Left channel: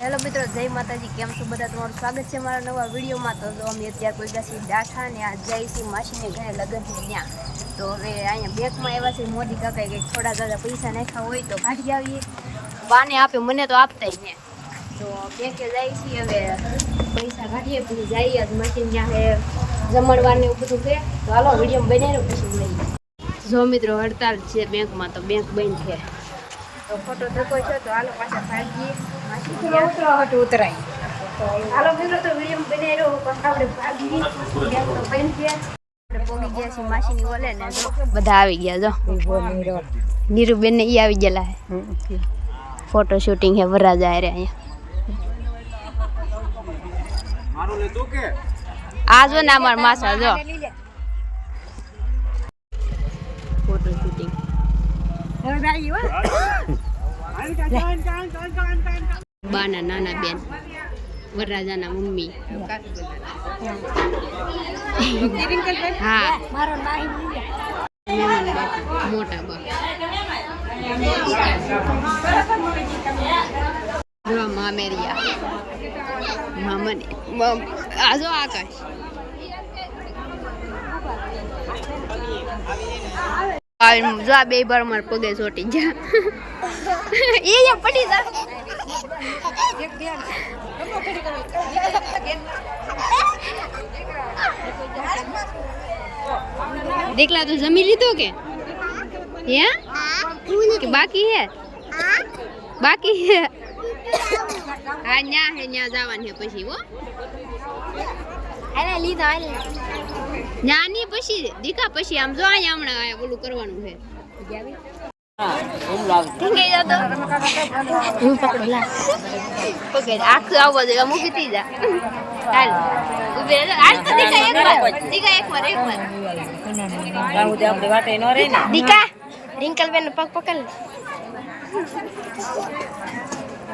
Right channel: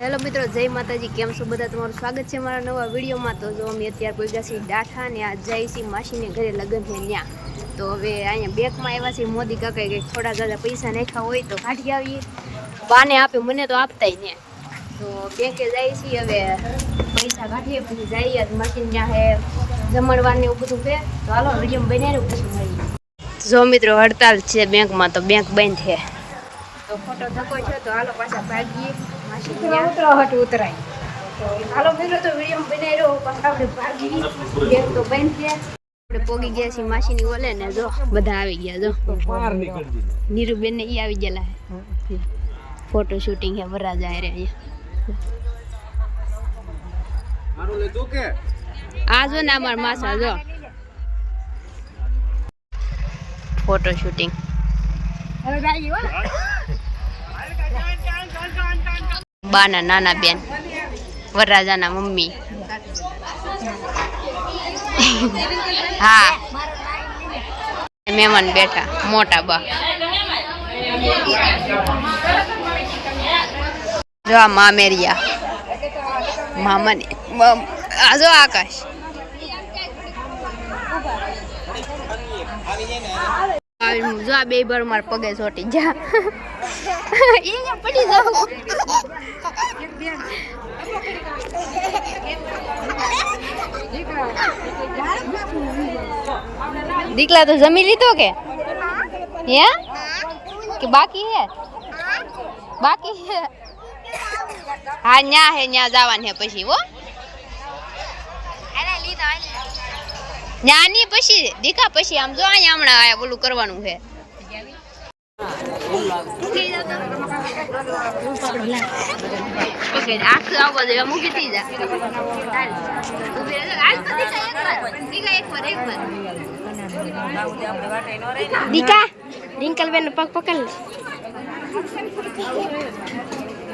Hello મિત્રો, જય માતાજી. કેમ છો બધા? તમારું સ્વાગત છે મારા નવા વિડીયોમાં. તો જો અમે અત્યારે કોઈ ગયા છીએ ડાઠા ને આ જય સિંહ માસીને ઘરે લગ્ન છે ત્યાં. તો હવે અહીંયા બેંકમાં આવ્યા છે મોદી કાકાએ કંઈક થોડા દાદા પૈસા નાખ્યા હોય તો કાઢી આવીએ. બાને આપે, મને તો આપતા ને. તો બેંકે જાય છીએ હવે પૈસા કાઢીએ, પછી જઈએ. આજ માસીને ત્યાં હે જમણવાર ને એવું બધું છે. તો હાલો વીડિયો બનીને પછી મળીએ. જો મિત્રો, હડતાલ છે બેંકમાં, તો બેંક બંધ છે. તો ફોટો થકો છે, તો હાલો પાછા ભાગીએ. માસી ત્યાં હટ ઉતરાય તો હાલો મિત્રો તો વીડિયો બનાવી રહ્યો પાછા આપણે ભાગીએ બેંક તો બંધ છે આપણે પોગી ગયા છીએ માસીની ઓલે ને બધા આવી ગયા જો નીરુબેન ને ઈ આવી ગયેલા ફોટો શૂટિંગ. હે વરાજા રે અહીંયા મારું લીધું કે આ જો ને અમાર માસા જો ફોટો શૂટિંગ બાના નાના બેન, વરરાજાના મમ્મી. હા. મહેમાન બેઠા, મોટા બા. જો આ મામેરિયા. મામાને આ જો આકાશ. જો આ બે bar મારા પગે ચોટી જા એ પડી જાવ દીકલા તો જમી લીધો કે? હે? કે બાકી હે? બાકી હે? હા ન્યા હે ન્યા જવાનું હે પછી હો. ન્યા ની પછી દીકા પછી આમ જો અહીંયા હમણાં આયા ઓલું કરવાનું છે આખું આવો. દે મૂકી દીકા એક વાર દીકા એક વાર એક વાર દીકા રિંકલ પગ પકડ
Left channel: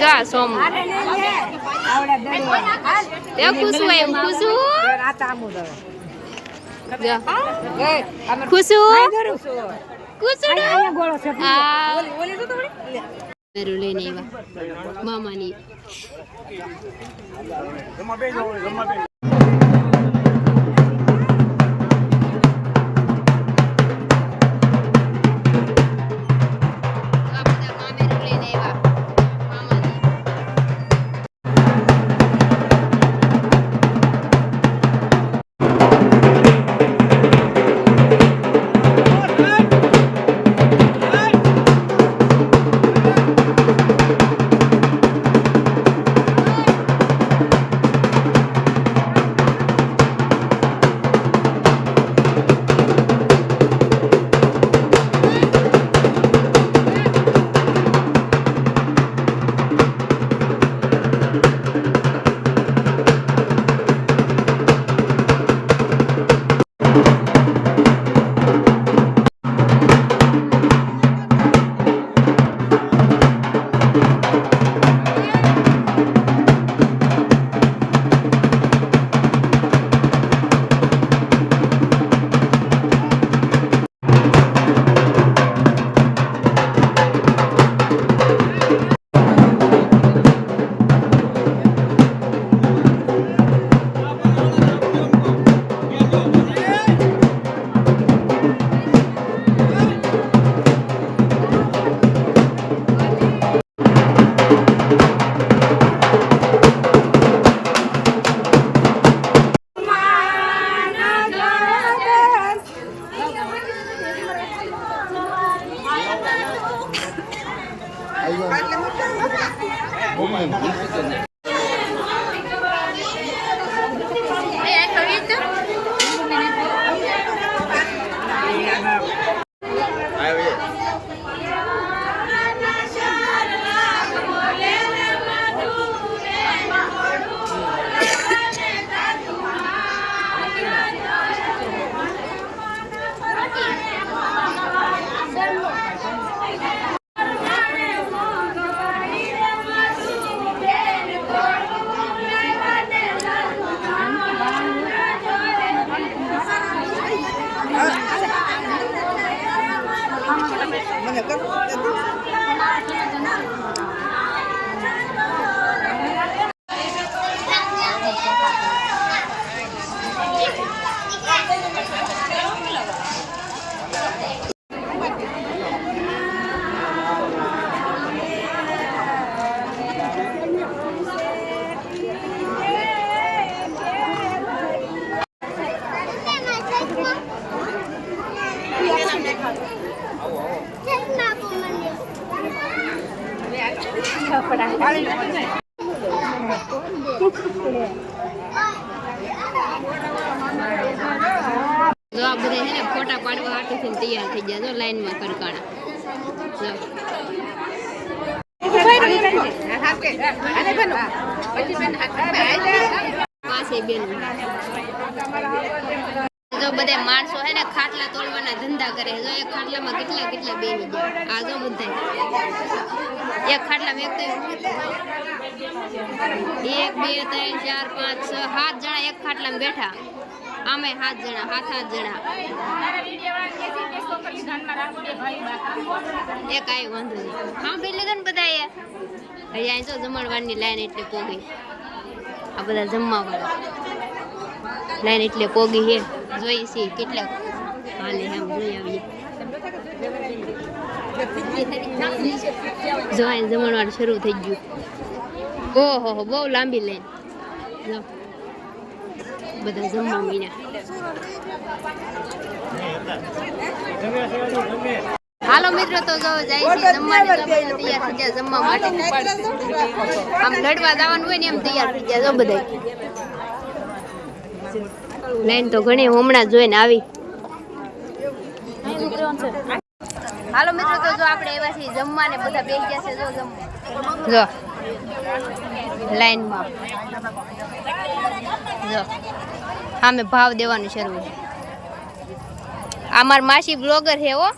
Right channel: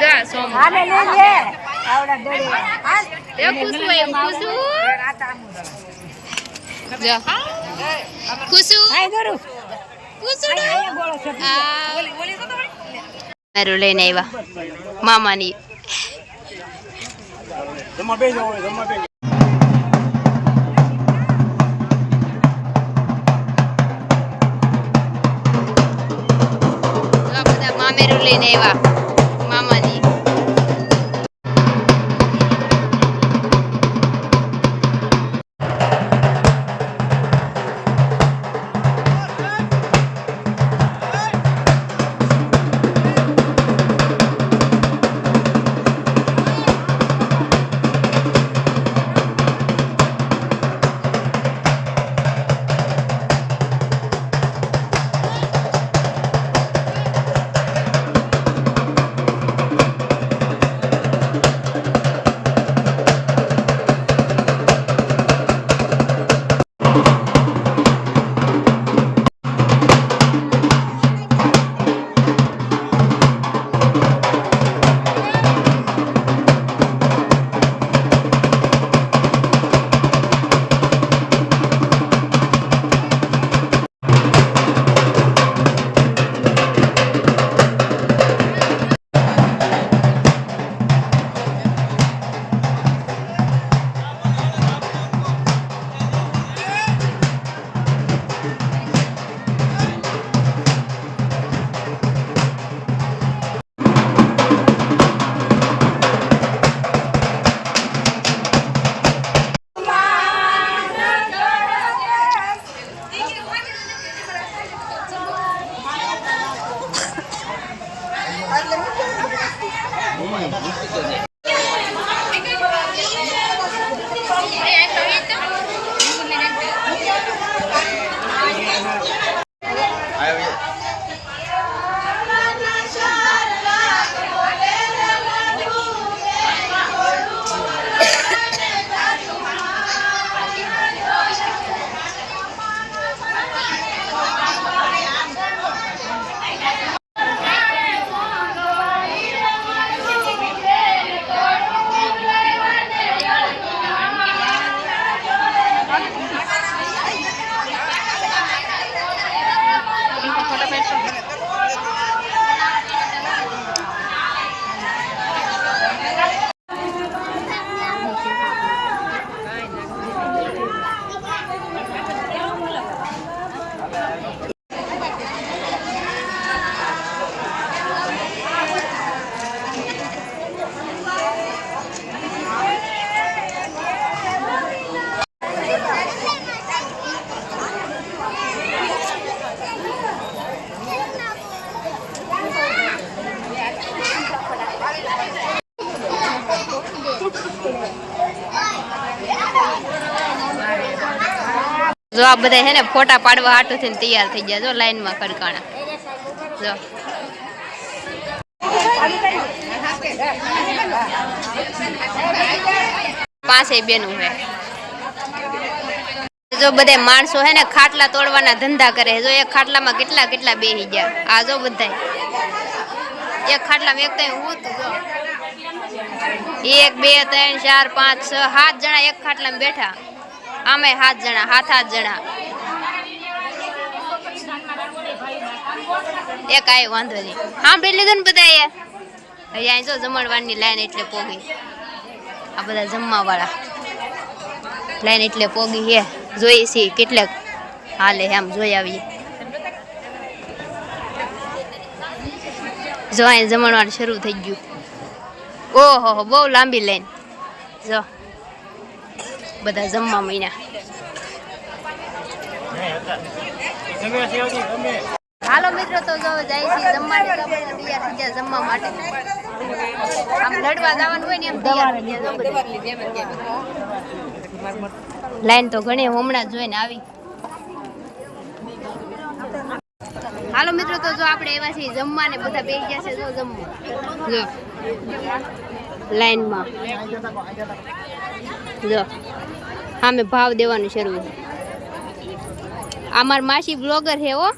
જા સોમ. એ ખુશુ એમ ખુશુ જા. ખુશુ મારું લઈને આવ્યા. મામાની. આ બધા હે ને ફોટા પાડવા હાટું થઈને તૈયાર થઈ ગયા. જો, લાઈનમાં કડકાણા જો. પાસે બેનું હે. જો બધા માણસો હે ને ખાટલા તોડવાના ધંધા કરે જો એક ખાટલામાં કેટલા કેટલા બેહી ગયા. આ જો બધા એક ખાટલામાં એક તો હું એક, બે, ત્રણ, ચાર, પાંચ, છ, સાત જણા એક ખાટલામાં બેઠા. આમે સાત જણા સાત સાત જણા. એક કાંઈ વાંધો નહીં. સાંભળી લીધું ને બધા હજી અહીં જો જમણવારની લાઈન એટલે પોગી. આ બધા જમવાવાળા. લાઈન એટલે પોગી હે. જોઈ છીએ કેટલાક હાલે એમ જોઈ આવીએ. જો અહીં જમણવાર શરૂ થઈ ગયું. ઓહો, બહુ લાંબી લાઈન. જો. બધા જમવા મહિના હાલો મિત્રો, તો જો જાય છે જમવાની તૈયાર થઈ ગયા જમવા માટે. આમ લડવા જવાનું હોય ને એમ તૈયાર થઈ ગયા જો બધા લાઈન તો ઘણી હમણાં જોઈને આવી. હાલો મિત્રો, તો જો આપણે એવા છીએ જમવા ને બધા બેસી ગયા છે, જો જમવું. જો. લાઈનમાં. જો, સામે ભાવ દેવાનું શરૂ છે. અમાર માસી બ્લોગર છે હો.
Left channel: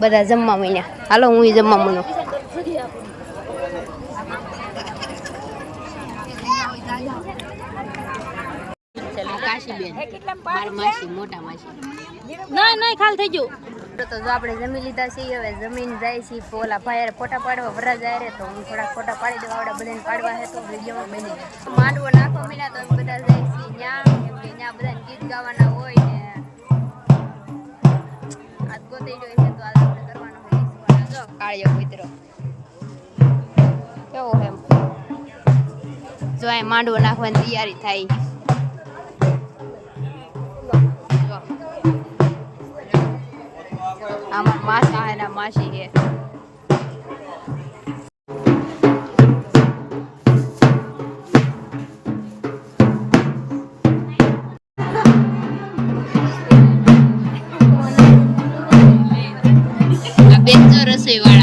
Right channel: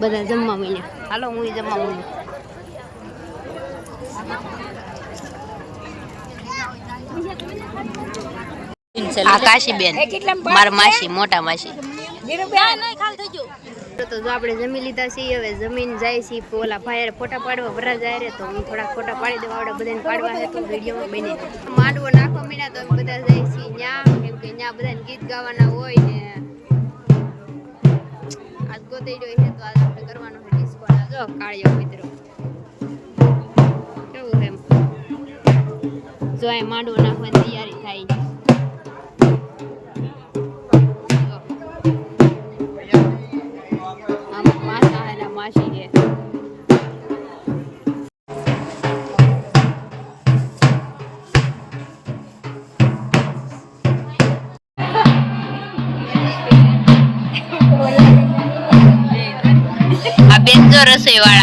બધા જમવા મહિના હાલો, હું જમવા મનું આ કાશીબેન, મારા માસી, મોટા માસી. ના ના, ખાલી થઈ ગયું. તો જો આપણે જમી લીધા છીએ, હવે જમીન જાય છે, ઓલા ભાઈ ફોટા પાડવા વરા જાય રે તો હું થોડાક ફોટા પાડી દેવા, આવડે બધાને પાડવા હે તો વિડીયોમાં બને માંડવો નાખવા મીના તો અમે બધા જાય છીએ ન્યા, કેમ કે ન્યા બધાને ગીત ગાવાના હોય ને. આજ ગોતેડ્યો છે તો આજ આપણે કરવાનો છે જો કાળિયો મિત્રો. કેવો એમ? જો આ માંડવો નાખવાની તૈયારી થાય. માસી આ બેન જો રસોઈ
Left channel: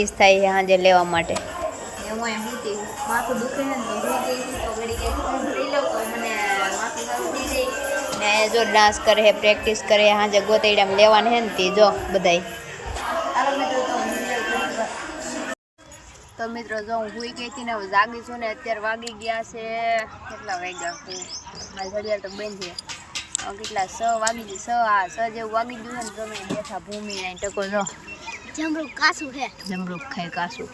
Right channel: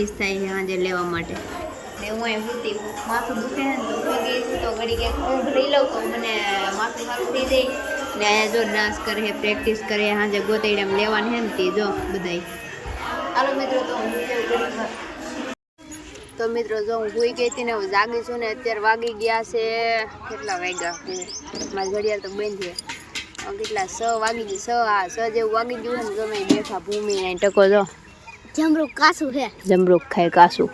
પ્રેક્ટિસ થાય છે સાંજે લેવા માટે. ને હું અહીં ઊંઘતી માથું દુખે છે ને તો ઊંઘી ગઈ તો ઘડી ક્યાંક ઊંઘ લઈ લઉં તો મને માથું સારું થઈ ને જો ડાન્સ કરે છે પ્રેક્ટિસ કરે સાંજે ગોતેડામાં લેવાને છે ને તે જો બધાય. હાલો મિત્રો, તો હું તો મિત્રો, જો હું ભૂઈ ગઈ હતી ને હું જાગી છું ને, અત્યારે વાગી ગયા છે કેટલા વાગ્યા? મારી ઘડિયાળ તો બંધ છે. કેટલા છ વાગી ગયું છ હા છ જેવું વાગી ગયું ને, જો મેં બેઠા ભૂમિ ને ટકો, જો. જમરૂક કાસું છે જમરૂક ખાય કાસું.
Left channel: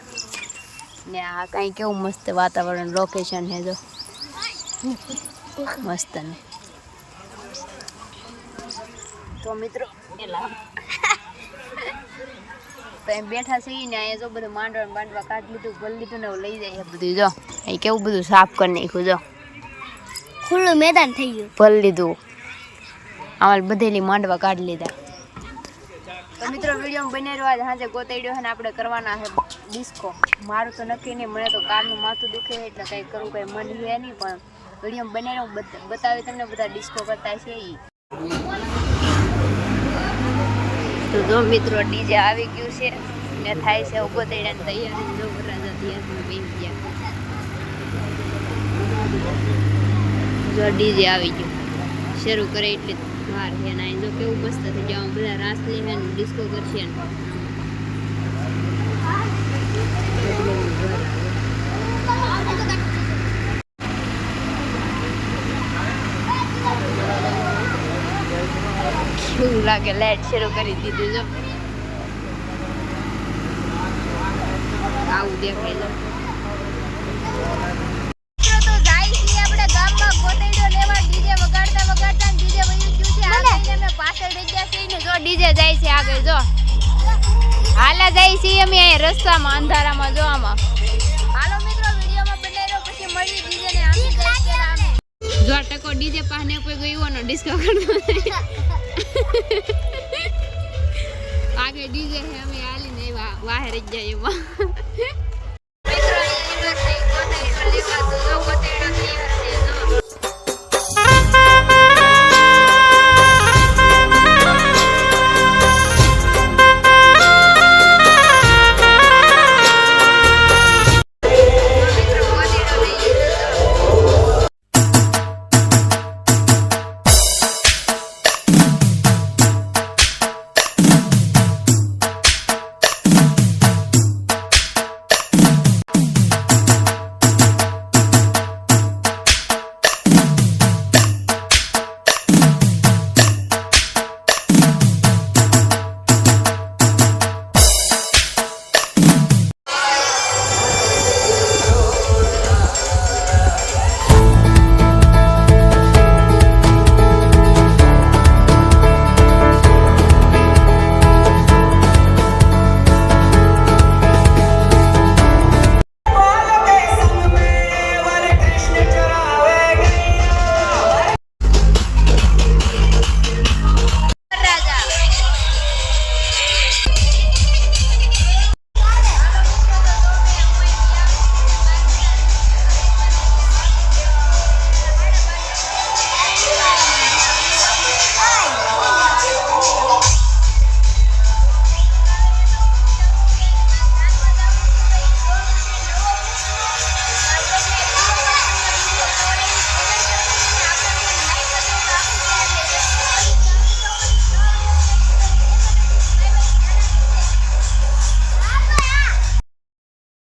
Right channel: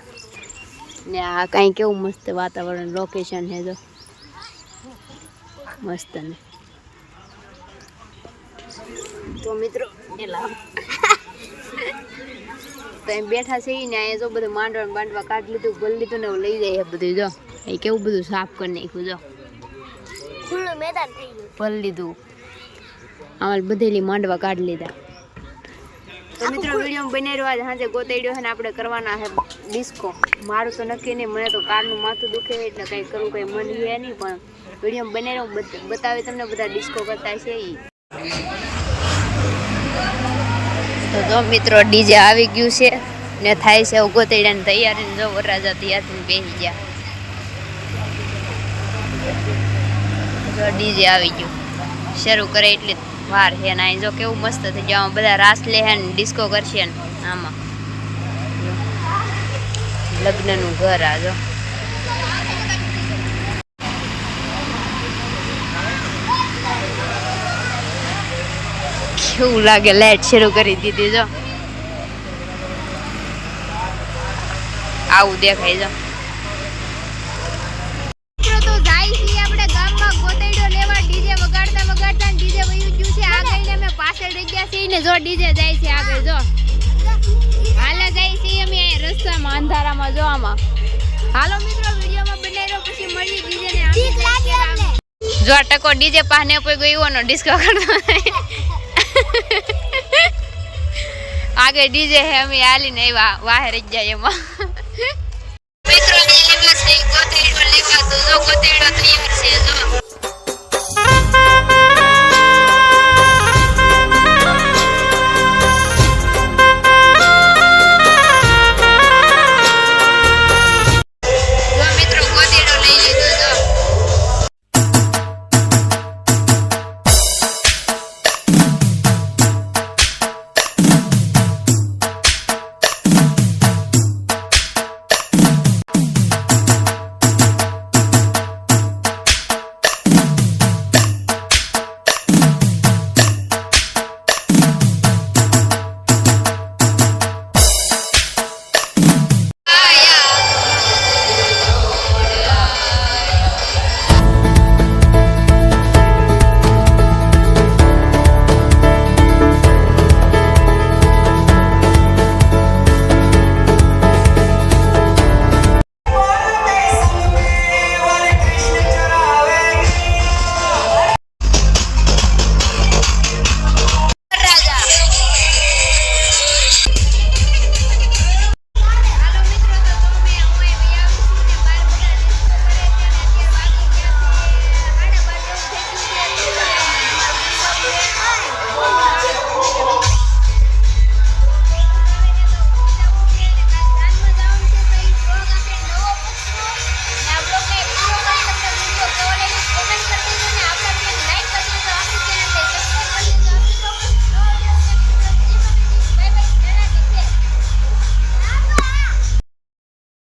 ને આ કાંઈ કેવું મસ્ત વાતાવરણ લોકેશન છે જો. મસ્ત ને. તો મિત્રો એલા તો એમ બેઠા છે ને અહીંયા જો બધું માંડવા બાંડવા કાઢી લીધું ભરી લીધું ને લઈ જાય બધું જો. અહીં કેવું બધું સાફ કરી નાખ્યું જો. ખુલ્લું મેદાન થઈ ગયું. ભલ લીધું. અમારે બધેલી માંડવા કાઢી લીધા. તો મિત્રો વીડિયો બની રહ્યો આજે સાંજે ગોતાડ્યો છે ને આપણે કરવાના છે ડિસ્કો મારું તો નક્કી નહીં મને તો કારનું માથું દુખે એટલે કંઈ કરવું કંઈ મન છે નહીં પણ વીડિયો બની રહ્યો બત- બતાવી તમને બધા ડિસ્કો કરતા છે એ તો જો મિત્રો ડીજે આવી ગયું છે ને થાય છે એવું ગોતાડ્યાની તૈયારી ને જો વરરાજા તૈયાર બેસી ગયા. જો ડીજે આવી ગયું. શરૂ કરે એટલી વાર છે ને અહીં જો કેવું મસ્ત થઈ આમાં બધા રાસ લે હે ને ડિસ્કો કરશે ને, આમાં. લગ્નનું ઘર આ જો. કેવું લાગે, લાઈટ શરૂ કરી દીધી જો. આવું દેખાય છે વગાડતા વગાડતા ડીજે વયું ગયું છે. આગળ ને અમે પાછળ રહી ગયા છીએ ને જો ડીજે જાય છે આગળ, જો. હાલા જાય છીએ અમે અહીં રસ્તામાં, અંધારામાં, જો આમાં. હાલો મિત્રો, વિડીયોમાં બનાવી પછી મળીએ ડીજે ને આમી જાય છે આમી. જો આ ટકો ડીજે પાને કોઈ ગયો એવાનો ડિસ્કો કરતો. આગળ ડીજે હે અમે હાલીને આવ્યા, વાહે રહી ગયા એમાં.